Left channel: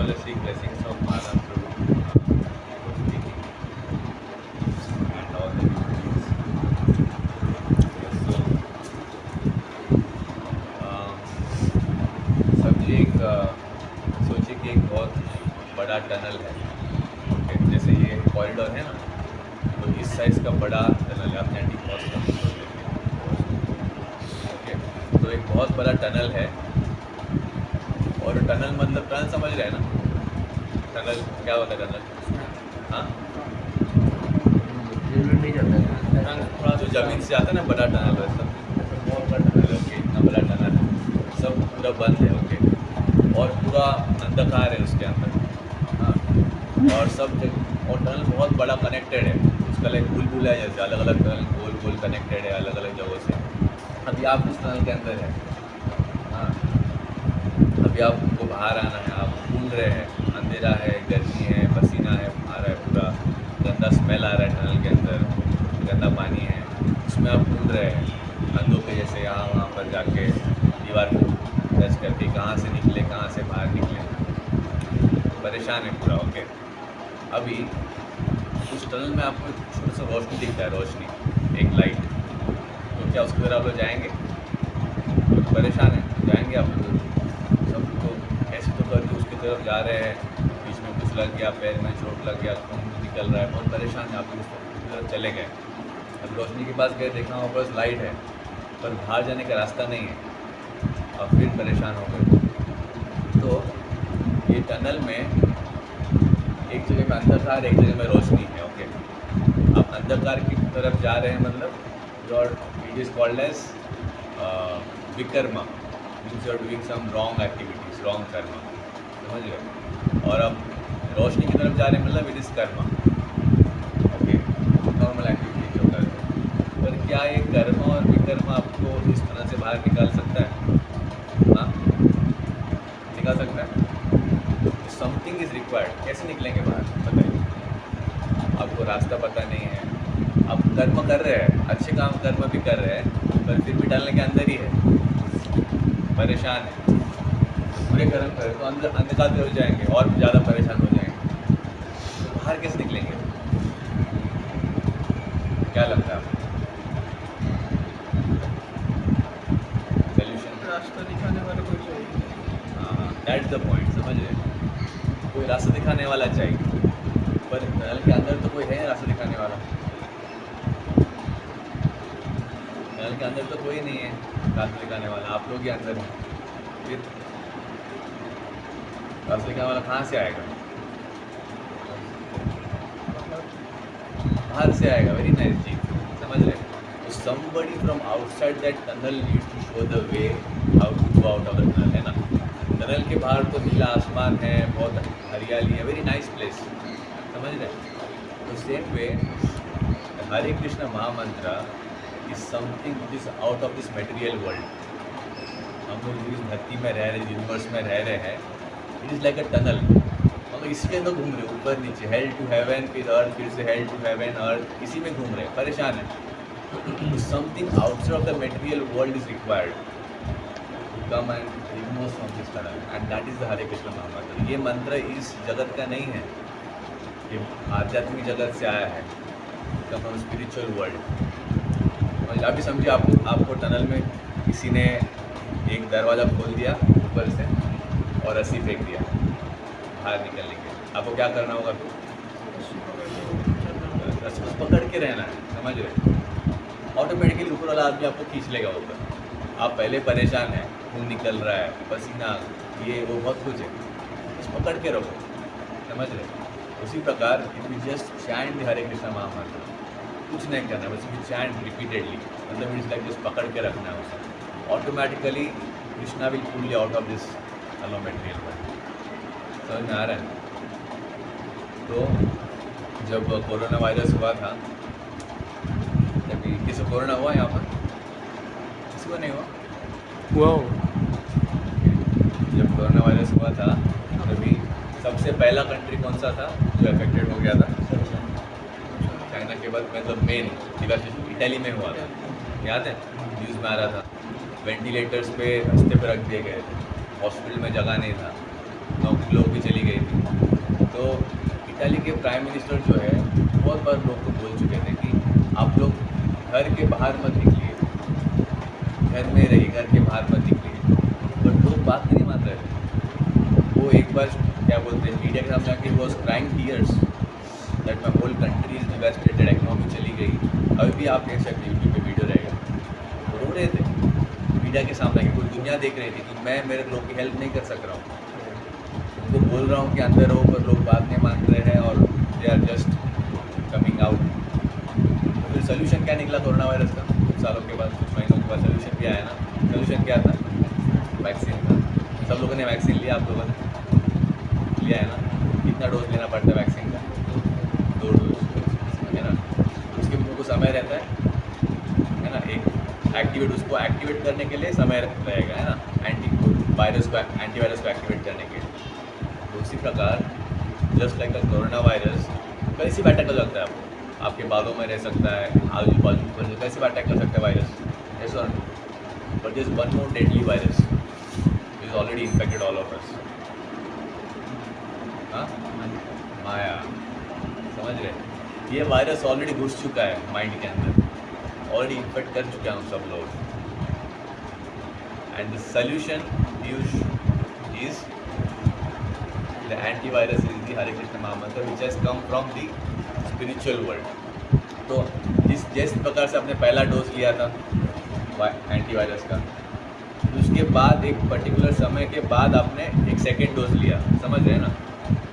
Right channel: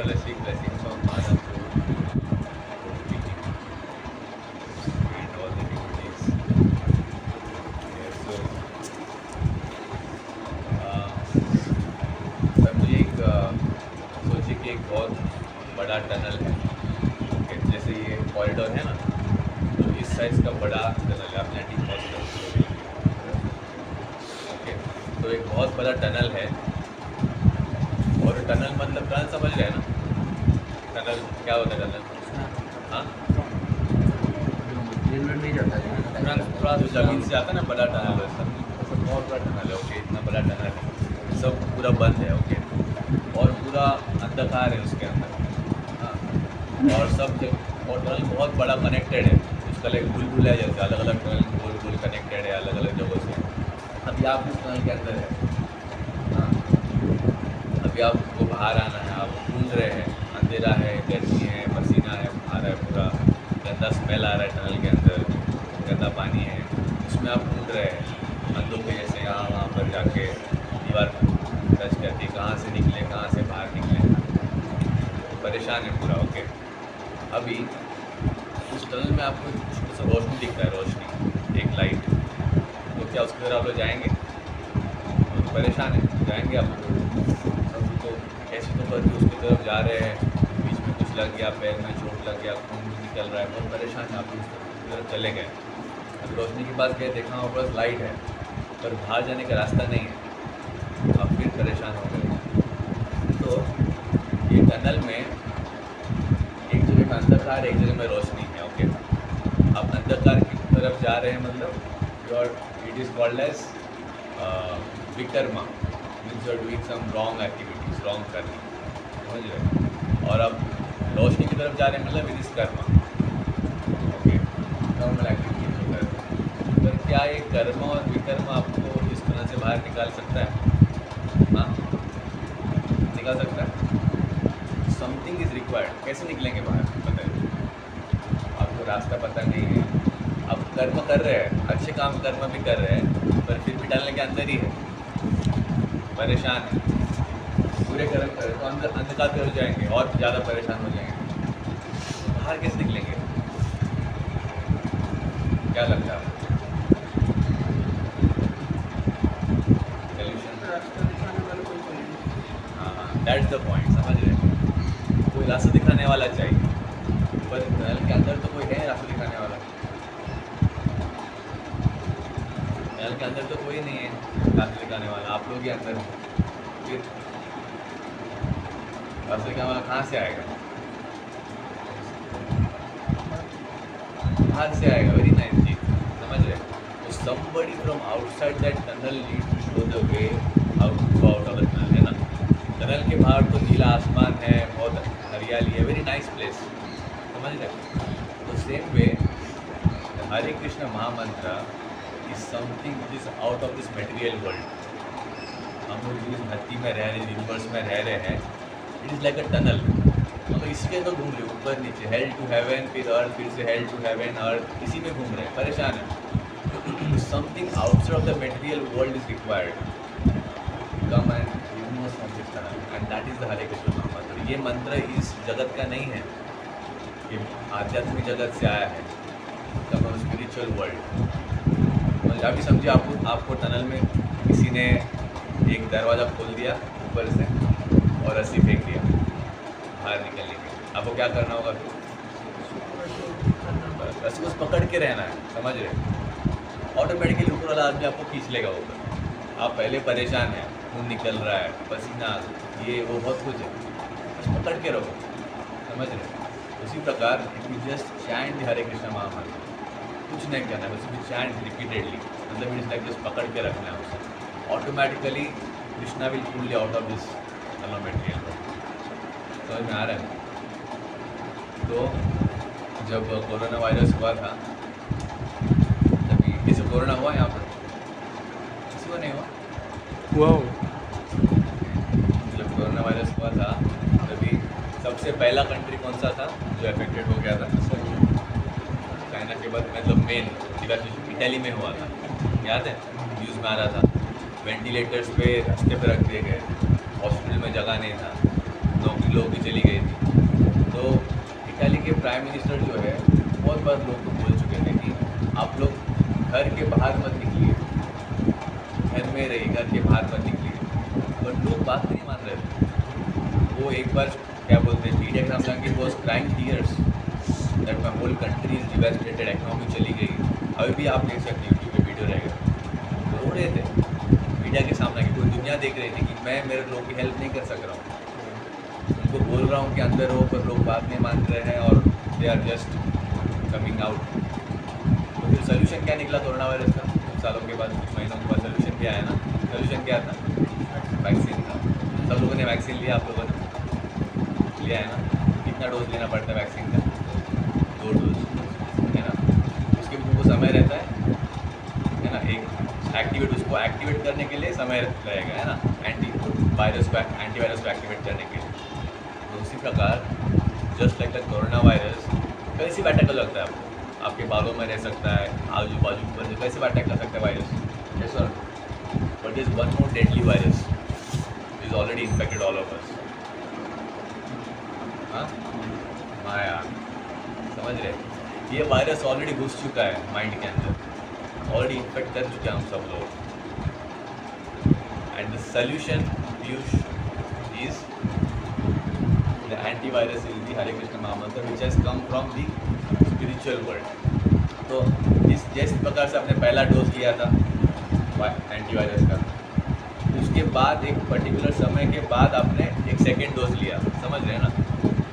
holistic blessings of Mahaprabhu speaking and all the devotees. So, समझिए सोचिए कि एक बहुत बड़ा टनल है, ओके, जैसे ये कॉरिडोर है ना, तो इस साइज़ का बड़ा टनल है, आपने डी ओके, तो एक बहुत बड़ा टनल है। और टनल मतलब टनल समझ रहे हैं ना, टनल क्या होता है टनल? हाँ, नहीं जाता है थोड़ा तो ज़मीन से आता है ना, बड़ा टनल है सब, बहुत बड़ा टनल है, ओके, इतना बड़ा टनल है, सब पूरा बंद है, ओके, और पूरा अंधकार है उसके अंदर, हाँ, और सब और टनल बहुत बड़ा कनेक्टेड है, उसका लाइक बुलबुल है जैसे, अलग अलग टनल गोल गोल कनेक्टेड है अलग अलग जगहों से। अभी आप उस टनल के अंदर है, हाँ, अभी आपको बाहर आना है, आप ढूंढ रहे हैं, अंधेरा है, गर्मी है, पसीना है, आ रहा है, पूरा गंदा स्मेल आ रहा है टनल के अंदर, गंदा पानी है, उसमें आप ढूंढ रहे हैं अंधों के जैसे, यहाँ वहाँ पर जाके दीवार को टच करके कहाँ से निकले, कहाँ से बाहर निकले, परेशान है पूरा, ओके। अभी उस टनल में आपको छोटा सा रोशनी दिखता है, रोशनी, एक लाइट, तो क्या उसकी तरफ आप लोग जाएंगे? तो परेशान है, जाएंगे आप लोग? सब तो ऐसे तो करके उसकी तरफ जा रहे हैं, बीच में कुछ लग गया, पैर में चोट लग गया, खून निकल रहा है, बहुत परेशान है, आप उसकी तरफ चले गए। अब रोशनी के पास गए, देखा वहाँ पर लाइट है पर बाहर जाने का रास्ता नहीं है, आप फिर परेशान हो गए। तो ये टनल में एक जगह में अंधकार, एक जगह में रोशनी है, ओके। आप अंधकार की तरफ जा रहे हैं, मतलब your it is called as vikarma, means you are doing some wrong activities, wrong karma, समझ गए। और अब रोशनी की तरफ जा रहे हैं, मतलब it is Karma, okay, normal activities जो कर रहे हैं। पर क्या ये कर्म और विकर्म आपको इस तरह से बाहर निकाल सकता है? हाँ, निकाल सकता है। समथिंग इज़ रिक्वायर्ड, कैसे निकलेंगे बाहर बताइए? आपको रास्ता पता नहीं है, आप कर्म कर रहे हैं, अच्छे काम कर्म भी कर रहे हैं, पर फिर भी डालने के अंदर ही है, परेशान है, बुरे कर्म करें तो अंदर अंधकार की ओर जाएंगे और ज़्यादा परेशान हो जाएंगे, तो बाहर कैसे निकलेंगे? क्या लगता है आपको? सोल्यूशन? रास्ता दिखाने वाले को चाहिए। दैट्स द पॉइंट, समझ रहे? कोई रास्ता दिखाने वाला चाहिए, पर टनल के अंदर तो कोई है रास्ता दिखाने वाला, टनल के अंदर तो कोई नहीं है रास्ता दिखाने वाला, आप लोग ही अंदर हैं, फिर रास्ता दिखाने वाला कहाँ से आएगा? बाहर से आएगा, वेरी नाइस जी, समझ रहे? तो somebody from outside that tunnel needs to show the way how to go out of the tunnel, है ना? टनल के बाहर तो नीला आसमान है, बहुत हरियाली है, वेरी नाइस प्लेस, समझ रहे? तो सेम वे हरे कृष्ण महामंत्र is something which is out of this material world. हम लोग इस धरती में रह रहे, यूनिवर्स में रह रहे हैं, it is like a tunnel, हम लोग इसके अंदर घूम रहे, ऊपर नीचे, हेल टू हेवन, फिर अर्थ, फिर से हेल टू हेवन, अर्थ, इसी में घूम रहे, परेशान है। Something outside of the material world is required, come and remove from this tunnel, and that is the Hare Krishna mahamantra. ये मंत्र इस जगत का नहीं है, ये आध्यात्मिक जगत से आया है, फ्रॉम स्पिरिचुअल वर्ल्ड। अभी समझिए आपको टनल में किसी ने एक दरवाज़ा खोल दिया ऊपर से और रस्सी फेंक दिया बाहर निकलने के, आपको क्या करना होगा? रस्सी को पकड़ के रहना है, समझ रहे? ऑटोमेटिकली ऊपर वाला आदमी आपको खींच लेगा ऊपर, आप पहले परेशान हैं, खून निकल रहा है, पसीना, ये वो बहुत कुछ है, बस पकड़ के रखो, समझ रहे? उसी प्रकार if you just chant the Hare Krishna mahamantra, कुछ नहीं करना है, बस इफ यू चैंट रिपीटेडली, मतलब इट इज लाइक जस्ट पकड़ के रखना है उसे, automatically Krishna will pull you out of this material world. समझ में आ रहा है? तो जब कोरोना वायरस हुआ था, तभी किसी को कोरोना हुआ यहाँ पर? किसी को नहीं हुआ? जब कोरोना वायरस हुआ था तभी सबसे पहला कंट्री कौन सा था जो अफेक्टेड हो गया था? चाइना के बाद मतलब मेन इटली में हुआ था, याद है? न्यूज़ में आ रहा था, वेंटिलेटर्स पे रास्ते पे रख दिए गए थे, हॉस्पिटल में जगह नहीं था, नौकरी लोगों की चली गई थी। तो इटाली के प्राइम मिनिस्टर जो है बहुत बार लोग को बोल चुके थे कि आप लोग घर के बाहर मत निकलिए, घर में रहिए, घर के बाहर मत निकलिए। बट लोग बात नहीं मान रहे थे। वो एक बार क्या बोलते हैं मीडिया के सामने आके was crying tears that my whole country is devastated, economy चली गई। अभी भी आप देख सकते हैं यूट्यूब पे वीडियो रहेगा, तो रो रहे थे मीडिया के सामने आके। पूरी दुनिया देख रही थी कि मैं मेरे लोग की हेल्प नहीं कर सक रहा हूँ, उनको बोल रहा हूँ कि अंदर रहो, पर लोग बात नहीं मान रहे हैं और they are just coming out. तो फिर सोल्यूशन क्या निकला कोरोना वायरस का? कुछ सालों के बाद, कुछ महीनों के बाद सोल्यूशन भी आया ना। सोल्यूशन क्या था? वैक्सीन था। सब लोगों ने वैक्सीन लिया, आप लोगों ने लिया है ना? कितना डोज लेना पड़ता है वैक्सीन का? 2 डोज है ना। उसके भी तुमको समय रहता है ना। एक उसको एक्टिवेट करने के लिए समय रहेगा, है ना, एंटीवायरस को एक्टिवेट करने के लिए। तो उसी प्रकार just like the corona virus कैसे भी अटैक कर सकता है आपको, आपके बालों में रह सकता है, आजू बाजू पर कैसे भी अटैक कर सकता है वायरस, ऐसा। But is one more deadly virus is already infected all of us. हाँ, माया, समझ रहे? ये वायरस ऑलरेडी घुस चुका है माइंड के अंदर, ऑलरेडी इन्फेक्ट कर चुके हैं हम सब लोग। एंड द सोल्यूशन पीयूष is the antivirus is the Hare Krishna mahamantra which has come from the spiritual world. तो जिस प्रकार से आपने पहला डोज लिया था एंटीवायरस का, उसके बाद एक पर्टिकुलर समय के बाद आपने एक सेकेंड डोज लिया, समझ रहे हैं ना?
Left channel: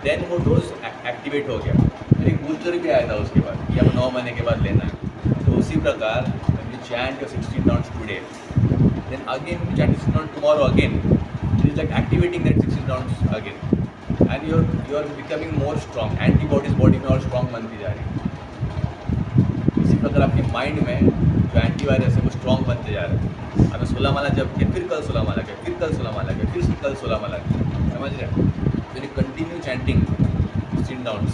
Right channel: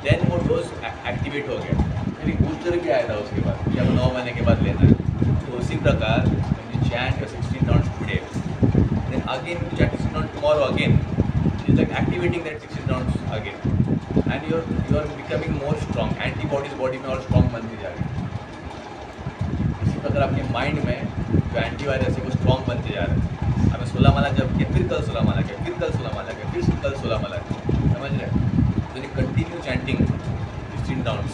देन वो डोज एक्टिवेट हो गया, फिर एक बूस्टर भी आया था उसके बाद कि अब 9 महीने के बाद लेना है। तो उसी प्रकार when you chant your 16 rounds today, then again you chant 16 rounds tomorrow again. It is like activating that 16 rounds again, and you are becoming more strong. Antibodies body में और स्ट्रॉन्ग बनती जा रही है। इसी प्रकार आपके माइंड में जो एंटीवायरस है वो स्ट्रॉन्ग बनते जा रहे हैं। हमें 16 माला जब किया, फिर कल 16 माला किया, फिर कल 16 माला किया, फिर कल 16 माला किया, समझ रहे हैं? तो you continue chanting 16 rounds.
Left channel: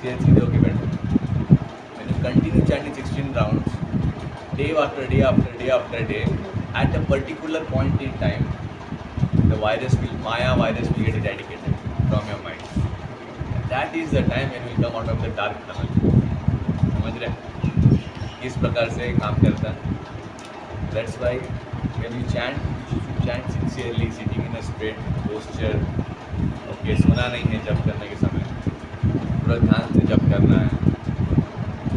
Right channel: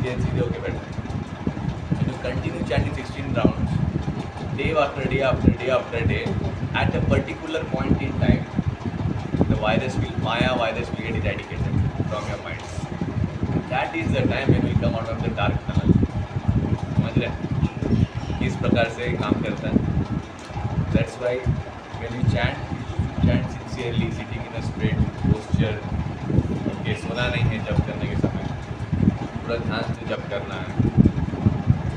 सीधे होके बैठो। When you continue chanting 16 rounds, day after day after day after day, at a particular point in time, the Maya virus will get eradicated from your mind. That is the time when you will come out of the dark tunnel. समझ रहे? इस प्रकार से काम करता है। That's why when you chant sincerely, sitting in a straight posture. Okay, सोना नहीं है जब करने के समय, पूरा ध्यान से जब करना है।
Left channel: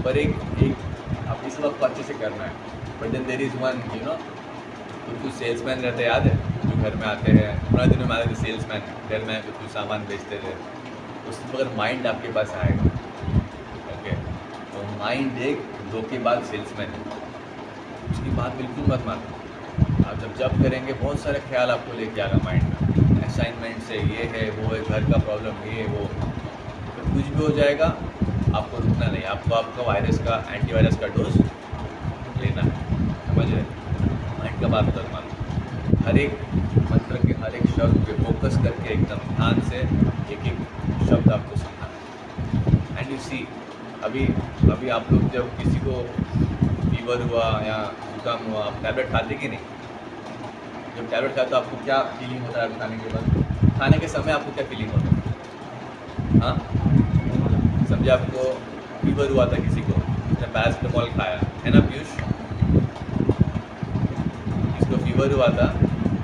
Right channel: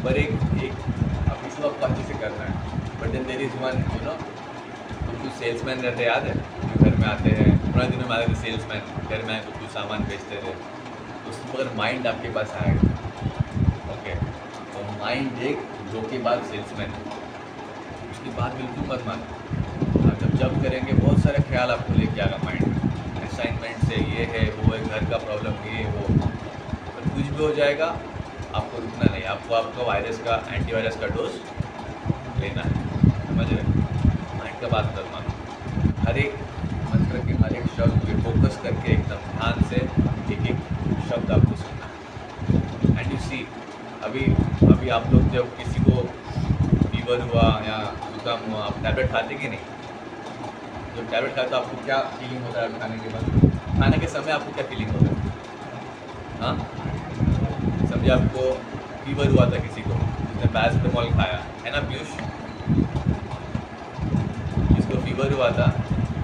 पर एक अब इस वक्त को अच्छे से करना है। But then there is one, you know, कुछ सेल्समैन रहते, याद है, जो घर में आते हैं, पुराने दिनों में आते थे सेल्समैन, घर में कुछ सामान बेचते थे। तो अगर माइंड आपके पास आएगा, ओके, तो माइंड एक धोखेबाज सेल्समैन है, उसकी बात बिल्कुल मत मानो। आप जब करेंगे बहुत सारे ख्याल आपको लेके आएगा माइंड में, असाइनमेंट से ये है, वो है, घर का प्रॉब्लम ये वो, तो कुछ भी हो जाएगा, आपको रुकना नहीं, आपको आपका वायरस का एंटीवायरस का डोज लेना है, समझ रहे? माइंड का बात मत मानो। हर एक मंत्र के हर एक शब्द पे फोकस करके एकदम ध्यान से एक एक शब्द आपको सुनना है। एंड यू सी, अभी आप लोग जब किसी को फीवर हुआ या जुकाम हुआ, आप टैबलेट खाते कि नहीं? जब टैबलेट खाते तो आपको क्या फीलिंग होता है खाने के बाद? खाने के समय आपको क्या फीलिंग होता है? हाँ, समझे, आपको फीवर हुआ था किसी को, उसने पैरासिटामोल खाया, है ना पीयूष? जिसको फीवर हुआ था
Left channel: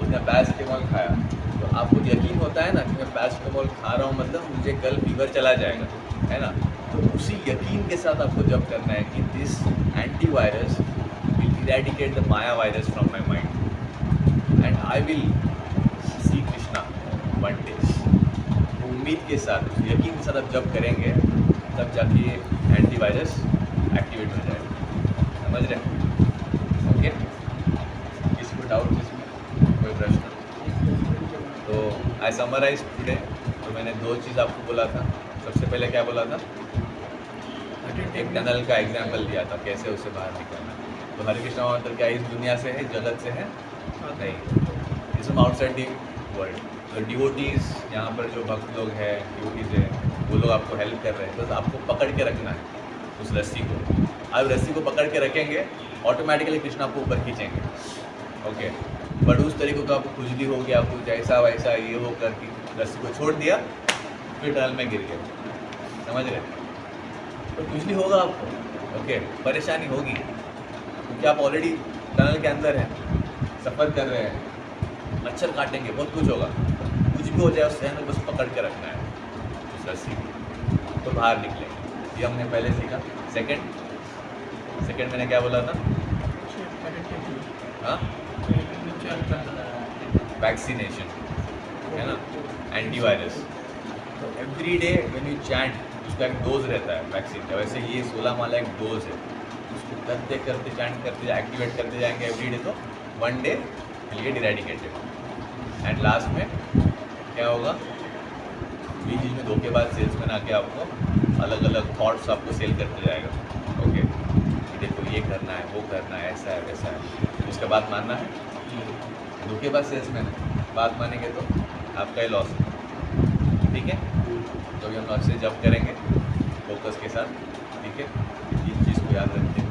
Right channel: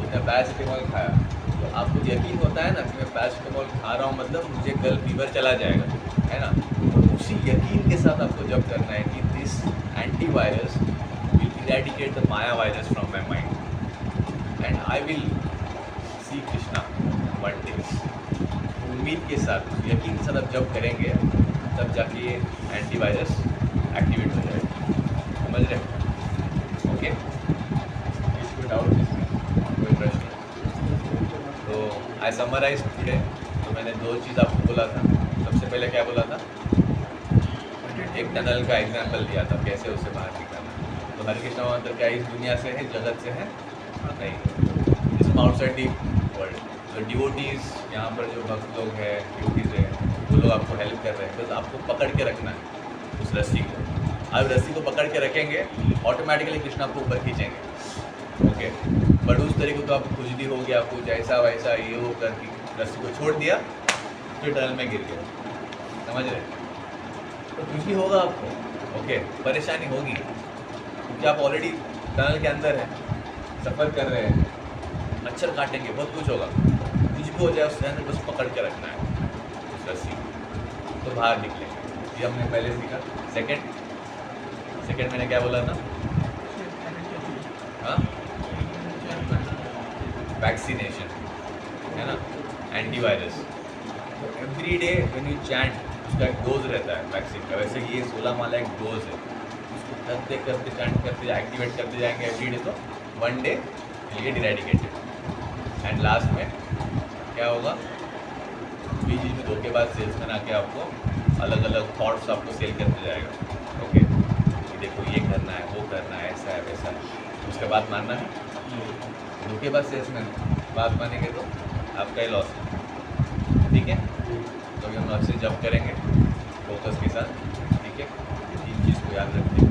उसने पैरासिटामोल खाया, तो आपको यकीन होता है ना कि मैं पैरासिटामोल खा रहा हूँ, मतलब मुझे कल फीवर चला जाएगा, है ना? तो उसी यकीन के साथ आपको जब करना है कि this antivirus will eradicate the Maya virus from my mind and I will see Krishna one day. उम्मीद के साथ, यकीन के साथ आप जब करेंगे, तब जाके ये एंटीवायरस एक्टिवेट हो जाएगा, समझ रहे? ओके, इसको डाउट, कोई प्रश्न? तो आई समराइज टुडे। तो मैंने 2 चीज़ आपको बोला था। सबसे पहले क्या बोला था? एक टनल का एग्जाम्पल दिया था, कैसे उससे बाहर निकलना है। तो हरे कृष्ण मंत्र क्या इस दुनिया से है, जगत से है? नहीं, इट्स आउटसाइड दी वर्ल्ड। तो डिवोटीज़, यहाँ पर जो भक्त लोग हैं, डिवोटीज़ हैं, वो लोग आपको हेल्प कर रहे हैं, बस आपको पकड़ के रखना है उस रस्सी को। आप रस्सी को पकड़ के रखेंगे, ऑटोमेटिकली कृष्ण आपको ऊपर खींचेंगे, ओके, बट उस तरीके को आपको खुजली हो गया, कुछ ऐसा वैसा ये हो करके रस्सी को छोड़ दिया, फिर टनल में गिर गए, समझ रहे? तो खुजली होगा आपको, ओके, परेशानी होगी, क्योंकि आप ऑलरेडी टनल के अंदर हैं, सफ़र कर रहे हैं, मच्छर काटेंगे, बहुत कुछ होगा, कुछ भी हो जाए उसके अंदर बस पकड़ के रखना है उस रस्सी को, तो बाहर निकलेंगे। ये हमने पहले सीखा। सेकंड मैंने क्या बोला था? हाँ, वैक्सीनेशन, है ना, एंटीवायरस। तो every day when you chant, उसका एक डोज रहता है वैक्सीन का, वैसे ये 16 माला एक डोज है, उसको करते करते चैंट करते एक्टिवेट करते जाएंगे एवरी डे, तो one day will get eradicated. And last में क्या होगा? बीच में धोखेबाज सेल्समैन आके आपको अलग अलग थॉट्स आपको सेल करते जाएगा, ओके, कि देखो ये करना है, वो करना है, ऐसा है वैसा है, उसका बात मानना है। धोखेबाज सेल्समैन बात मानेंगे तो आपका ही लॉस है, ठीक है? तो हम अच्छे जब करेंगे फोकस के साथ, ठीक है? तीन चीज़ को याद रखते हैं।